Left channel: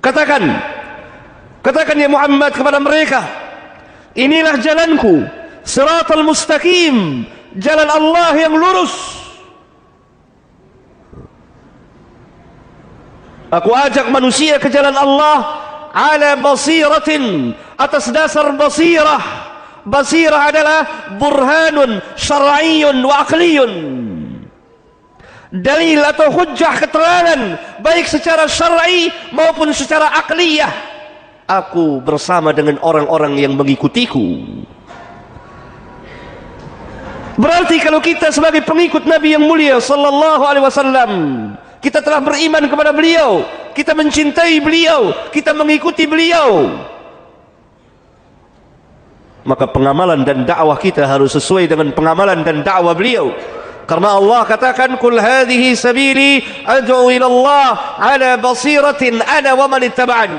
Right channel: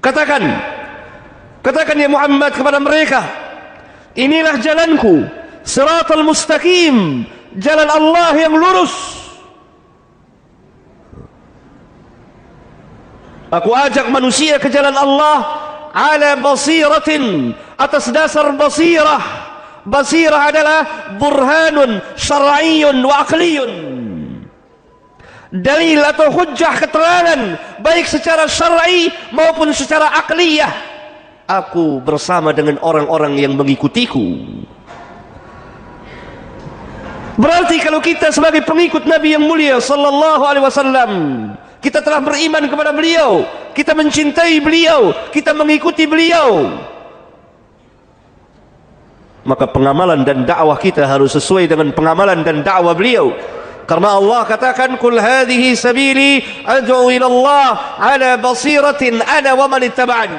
Katakan ya Muhammad kepada mereka, inilah jalanku, siratal mustaqim, jalan Allah yang lurus. Aku ajak manusia ke jalan Allah ala basiratin, atas dasar basirah. Basirah adalah burhanun syar'iyyun wa aqliyun, dalil atau hujjah, keterangan baik secara syar'i maupun secara akliyah. Aku bersama dengan orang-orang yang mengikutiku. Berarti kalau kita sebagai pengikut Nabi yang mulia sallallahu alaihi wasallam, kita telah beriman kepada beliau, kita mencintai beliau, kita mengikuti beliau, maka pengamalan dan dakwah kita harus sesuai dengan pengamalan dan dakwah beliau. Karena Allah katakan, "Qul hadhihi sabili ad'u ila Allah ala basiratin ana wa man ittaba'ani."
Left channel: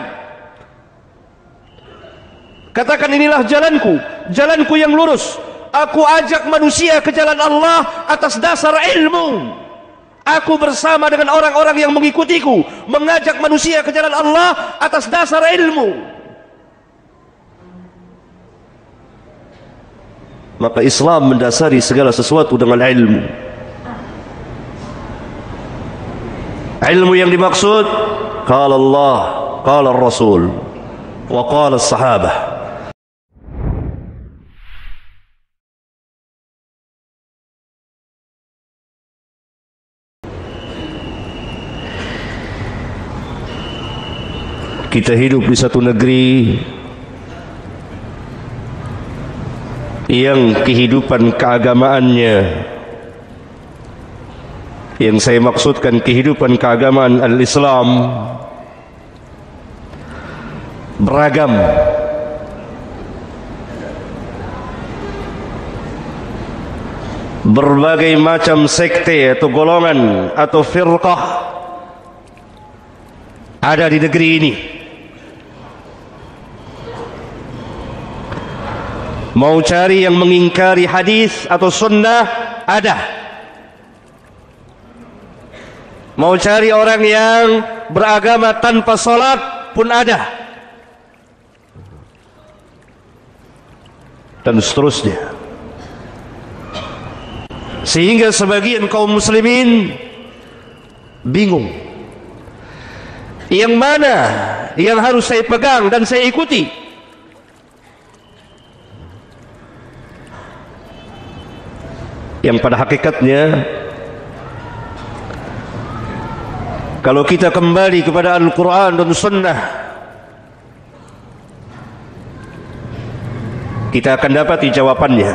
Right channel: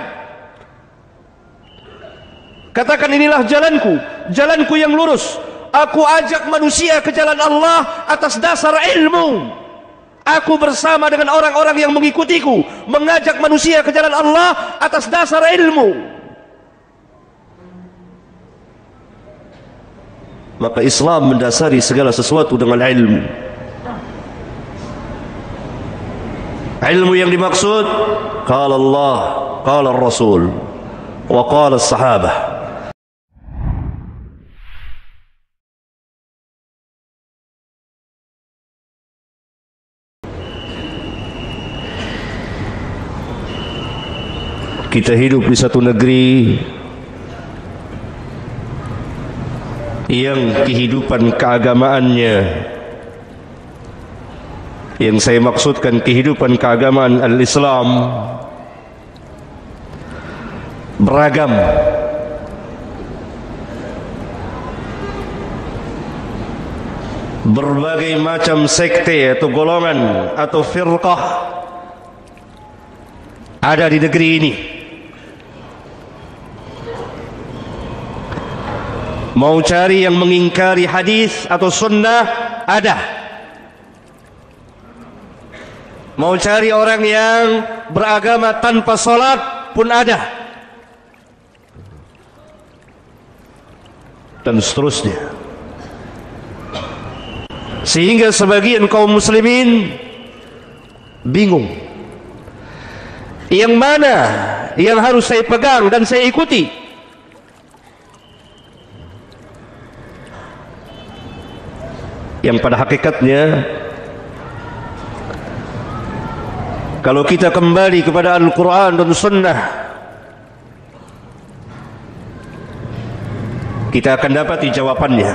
Katakan, inilah jalanku, jalanku yang lurus. Aku ajak manusia ke jalan Allah atas dasar ilmu. Aku bersama dengan orang-orang yang mengikutiku, mengajak manusia ke jalan Allah atas dasar ilmu. Maka Islam mendasari segala sesuatu dengan ilmu. Ilmu yang dimaksud, qala Allah, qala Rasul, wa qala as-sahabah. Kita hidup di satu negeri yang kehidupan keagamaannya, yang saya maksudkan kehidupan keagamaan al-Islam, beragam. Berbagai macam sekte atau golongan atau firqah ada di negeri ini. Mau cari yang mengingkari hadis atau sunnah, ada. Mau cari orang yang beragama tanpa salat pun ada. Dan seterusnya. Sehingga sebagian kaum muslimin bingung. Yang mana yang harus saya pegang dan saya ikuti? Yang pada hakikatnya, kalau kita kembali kepada Al-Quran dan Sunnah, kita akan dapati jawabannya.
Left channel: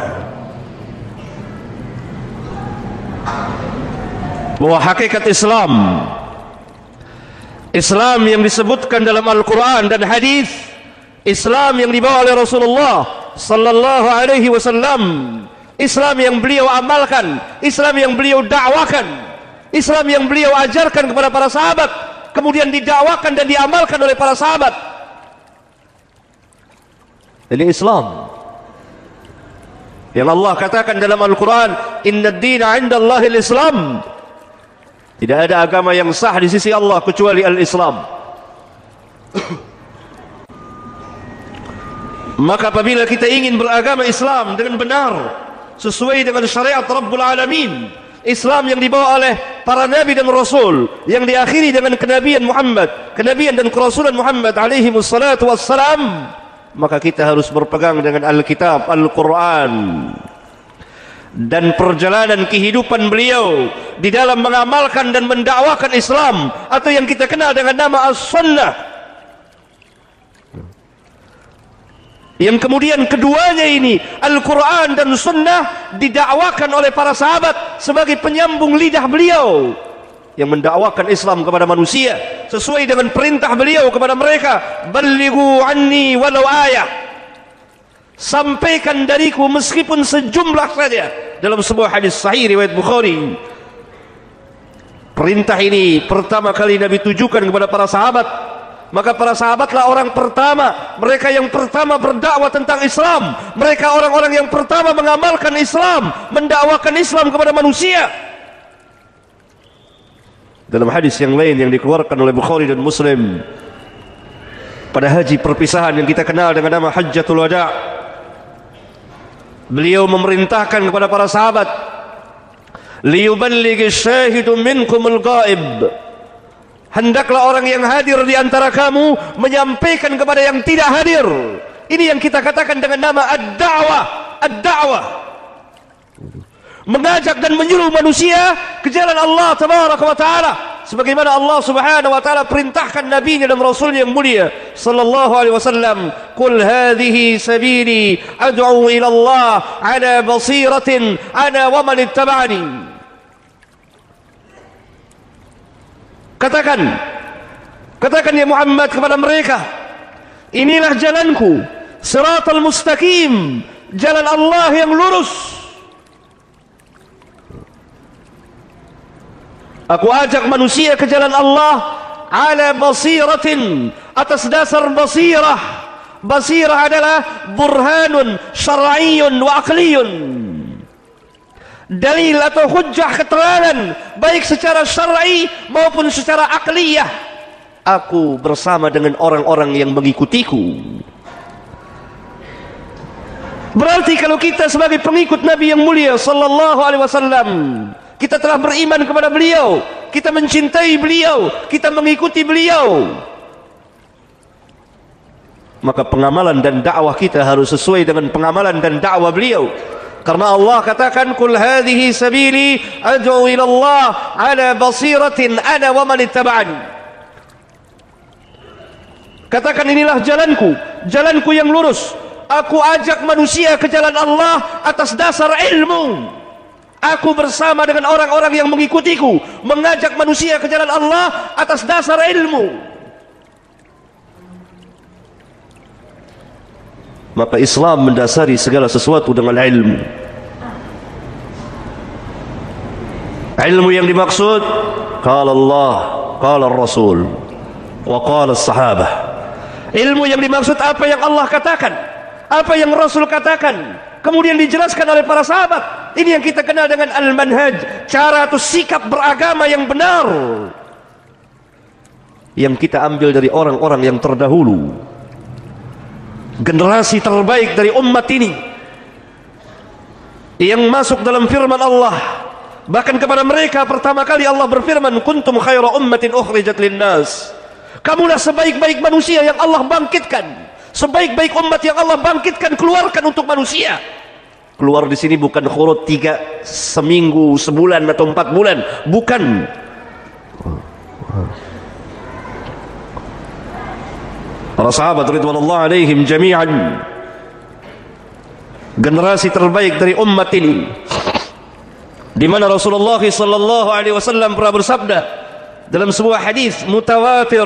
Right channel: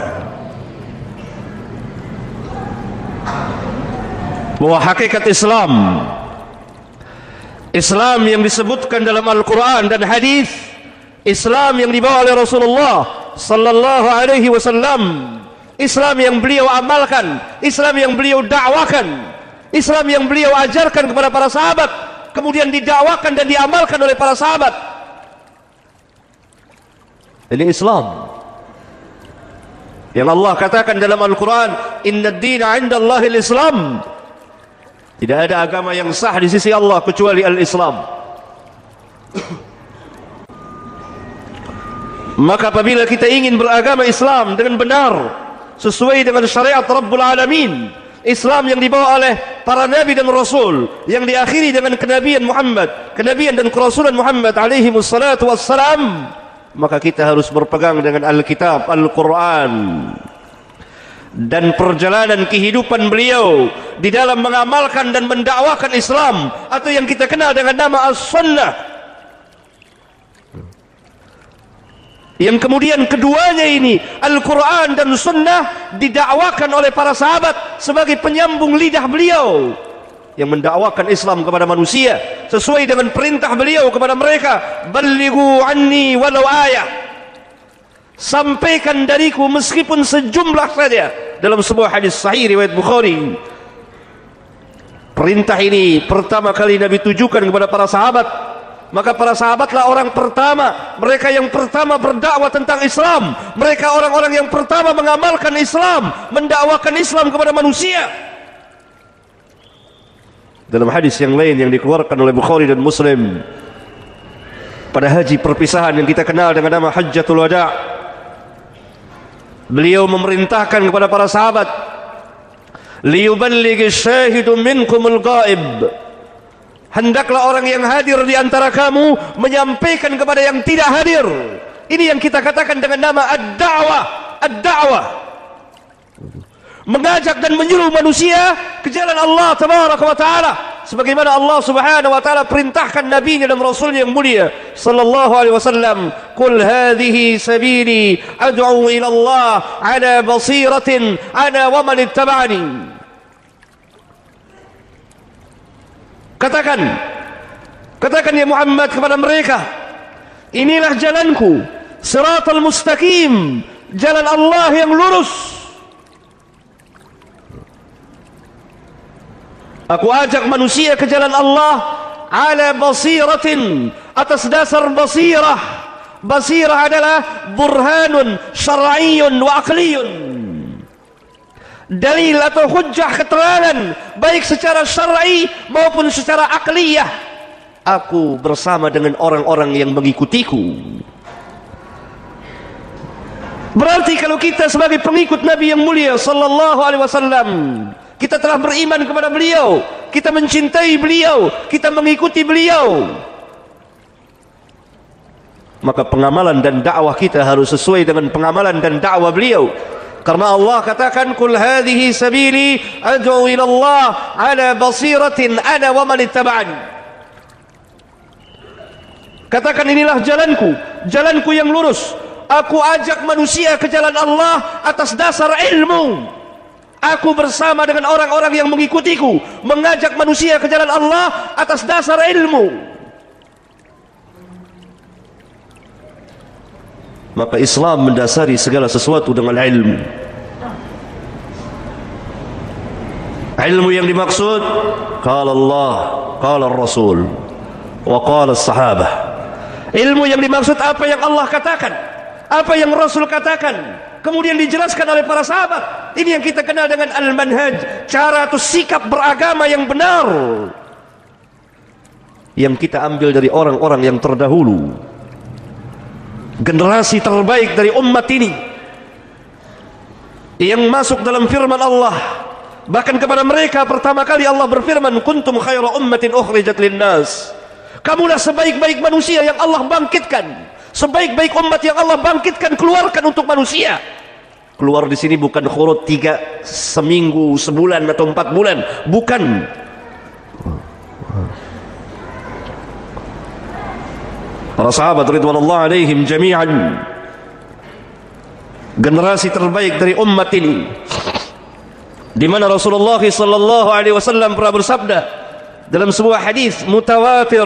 Bahwa hakikat Islam yang disebutkan dalam Al-Quran dan hadis, Islam yang dibawa oleh Rasulullah sallallahu alaihi wasallam, Islam yang beliau amalkan, Islam yang beliau dakwakan, Islam yang beliau ajarkan kepada para sahabat, kemudian didakwakan dan diamalkan oleh para sahabat. Ini Islam yang Allah katakan dalam Al-Quran, "Inna ad-dina 'inda Allahil Islam." Tidak ada agama yang sah di sisi Allah kecuali al-Islam. Maka apabila kita ingin beragama Islam dengan benar, sesuai dengan syariat Rabbul Alamin, Islam yang dibawa oleh para nabi dan rasul, yang diakhiri dengan kenabian Muhammad, kenabian dan kerasulan Muhammad alaihi wassalatu wassalam, maka kita harus berpegang dengan Alkitab, Al-Quran, dan perjalanan kehidupan beliau di dalam mengamalkan dan mendakwakan Islam, atau yang kita kenal dengan nama As-Sunnah. Yang kemudian keduanya ini, Al-Quran dan Sunnah, didakwakan oleh para sahabat sebagai penyambung lidah beliau yang mendakwakan Islam kepada manusia sesuai dengan perintah beliau kepada mereka, "Ballighu anni walau ayah." Sampaikan dariku meskipun sejumlah saja. Dalam sebuah hadis sahih riwayat Bukhari, perintah ini pertama kali Nabi tujukan kepada para sahabat. Maka para sahabatlah orang pertama, mereka yang pertama berdakwah tentang Islam, mereka orang-orang yang pertama mengamalkan Islam, mendakwakan Islam kepada manusia. Dalam hadis yang lain yang dikeluarkan oleh Bukhari dan Muslim, pada haji perpisahan yang kita kenal dengan nama Hajjatul Wada', beliau memerintahkan kepada para sahabat, liyuballighi syahidu minkumul ghaib, hendaklah orang yang hadir di antara kamu menyampaikan kepada yang tidak hadir. Ini yang kita katakan dengan nama ad-da'wah. Ad-da'wah, mengajak dan menyuruh manusia ke jalan Allah tabaraka wa ta'ala, sebagaimana Allah subhanahu wa ta'ala perintahkan nabinya dan rasulnya yang mulia sallallahu alaihi wasallam, qul hadhihi sabili ad'u ila Allah ala basiratin ana wa man ittaba'ani. Katakan ya Muhammad kepada mereka, inilah jalanku, siratal mustaqim, jalan Allah yang lurus. Aku ajak manusia ke jalan Allah ala basiratin, atas dasar basirah. Basirah adalah burhanun syar'iyyun wa aqliyun, dalil atau hujjah, keterangan baik secara syar'i maupun secara akliyah. Aku bersama dengan orang-orang yang mengikutiku. Berarti kalau kita sebagai pengikut Nabi yang mulia sallallahu alaihi wasallam, kita telah beriman kepada beliau, kita mencintai beliau, kita mengikuti beliau, maka pengamalan dan dakwah kita harus sesuai dengan pengamalan dan dakwah beliau. Karena Allah katakan, qul hadhihi sabili ad'u ila Allah ala basiratin ana wa man ittaba'ani. Katakan, inilah jalanku, jalanku yang lurus. Aku ajak manusia ke jalan Allah atas dasar ilmu. Aku bersama dengan orang-orang yang mengikutiku, mengajak manusia ke jalan Allah atas dasar ilmu. Maka Islam mendasari segala sesuatu dengan ilmu. Ilmu yang dimaksud, qala Allah, qala Rasul, wa qala sahabah. Ilmu yang dimaksud apa yang Allah katakan, apa yang Rasul katakan, kemudian dijelaskan oleh para sahabat. Ini yang kita kenal dengan al-manhaj, cara atau sikap beragama yang benar, yang kita ambil dari orang-orang yang terdahulu, generasi terbaik dari umat ini, yang masuk dalam firman Allah. Bahkan kepada mereka pertama kali Allah berfirman, kuntum khaira ummatin ukhrijat linnas. Kamulah sebaik-baik manusia yang Allah bangkitkan, sebaik-baik umat yang Allah bangkitkan, keluarkan untuk manusia. Keluar di sini bukan khurut 3 seminggu, sebulan atau 4 bulan, bukan. Para sahabat ridwanullah alaihim jami'an, generasi terbaik dari umat ini, di mana Rasulullah sallallahu alaihi wasallam pernah bersabda dalam sebuah hadis mutawatir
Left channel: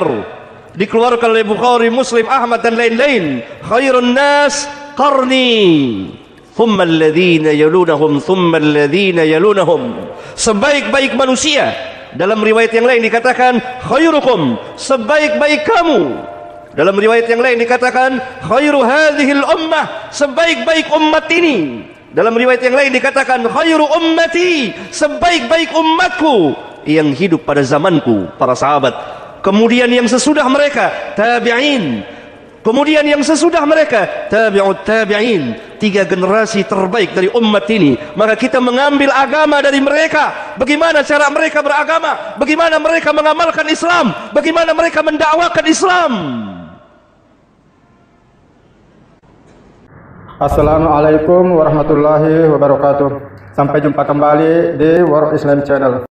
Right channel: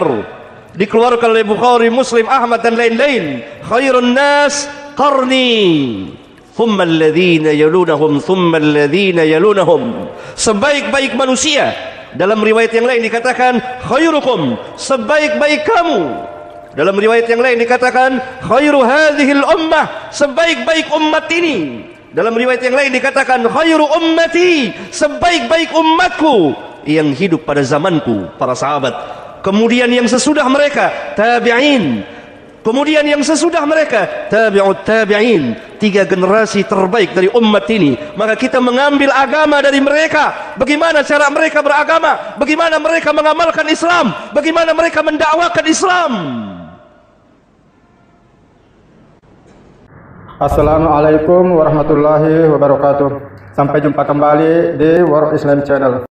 dikeluarkan oleh Bukhari, Muslim, Ahmad dan lain-lain, khairun nas qarni thumma alladhina yalunahum thumma alladhina yalunahum. Sebaik-baik manusia, dalam riwayat yang lain dikatakan khairukum, sebaik-baik kamu. Dalam riwayat yang lain dikatakan khairu hadhil ummah, sebaik-baik umat ini. Dalam riwayat yang lain dikatakan khairu ummati, sebaik-baik umatku yang hidup pada zamanku, para sahabat. Kemudian yang sesudah mereka, tabi'in. Kemudian yang sesudah mereka, tabi'ut tabi'in. 3 generasi terbaik dari umat ini. Maka kita mengambil agama dari mereka. Bagaimana cara mereka beragama, bagaimana mereka mengamalkan Islam, bagaimana mereka mendakwakan Islam. Assalamualaikum warahmatullahi wabarakatuh. Sampai jumpa kembali di World Islam Channel.